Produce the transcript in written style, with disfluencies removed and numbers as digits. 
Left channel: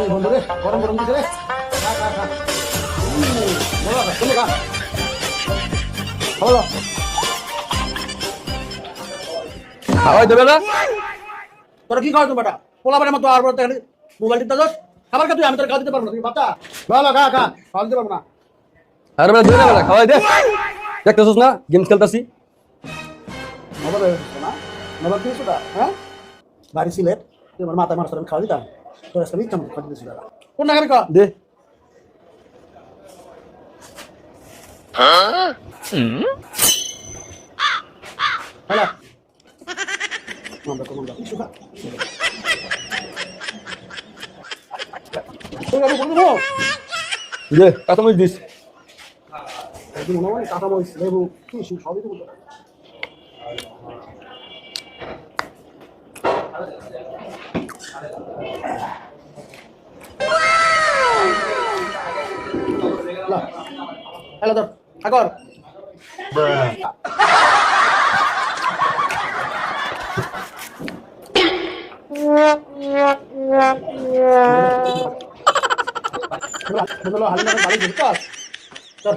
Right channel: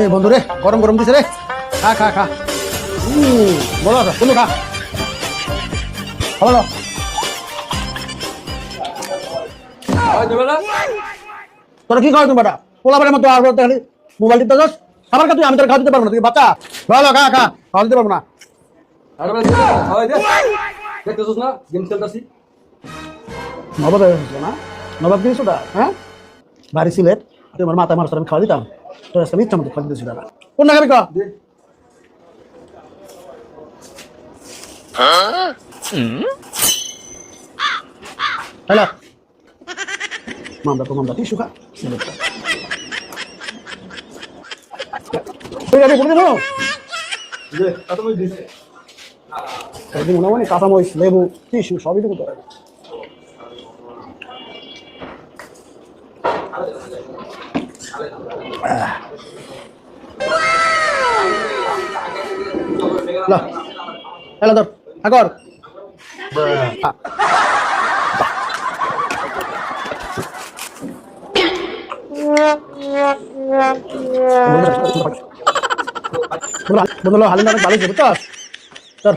এই বন্ধু রে, গরম গরম দিছে রে। খা খা খা। বলো না, তুমি খা। বলো। খাওয়াই দেবে না? তোরা কি খাওয়া তুমি বেটা? পোলাপানের মতো আর খালি মোবাইল টিপতে যাস। আমার কাছে আমি তোর খাওয়া দিতে পারবো না, তুই বাচ্চা। বলো খা খা, খাওয়া দিতে পারবো না। আরে বেটা দিতে হবে না, খাওয়াই দে। দেখতেছিস না গেমস খেলতাছি? নবাব হয়েছে না? নবাব দিয়েছ ওটা, হ্যাঁ? বাড়ি সিলেট, তুই আমার মাথায় মানুষ আমি খাওয়া দিতাম। তোর আজকে ইচ্ছা মতো খাওয়া দিতেছি দাদা। কোন না খাবি ক? দে। হ্যালো মামলা তো মামলা টিসু খা। তুই আগে বলে দেবো। দে, কাঁচামরিচ দিস। একদিন মনে হয় কাঁচামরিচ লেবু টিসু সবই দেবো তোরা। না হ্যালো ধর আগর বন্ধু হালি না বালি ধরতে তোর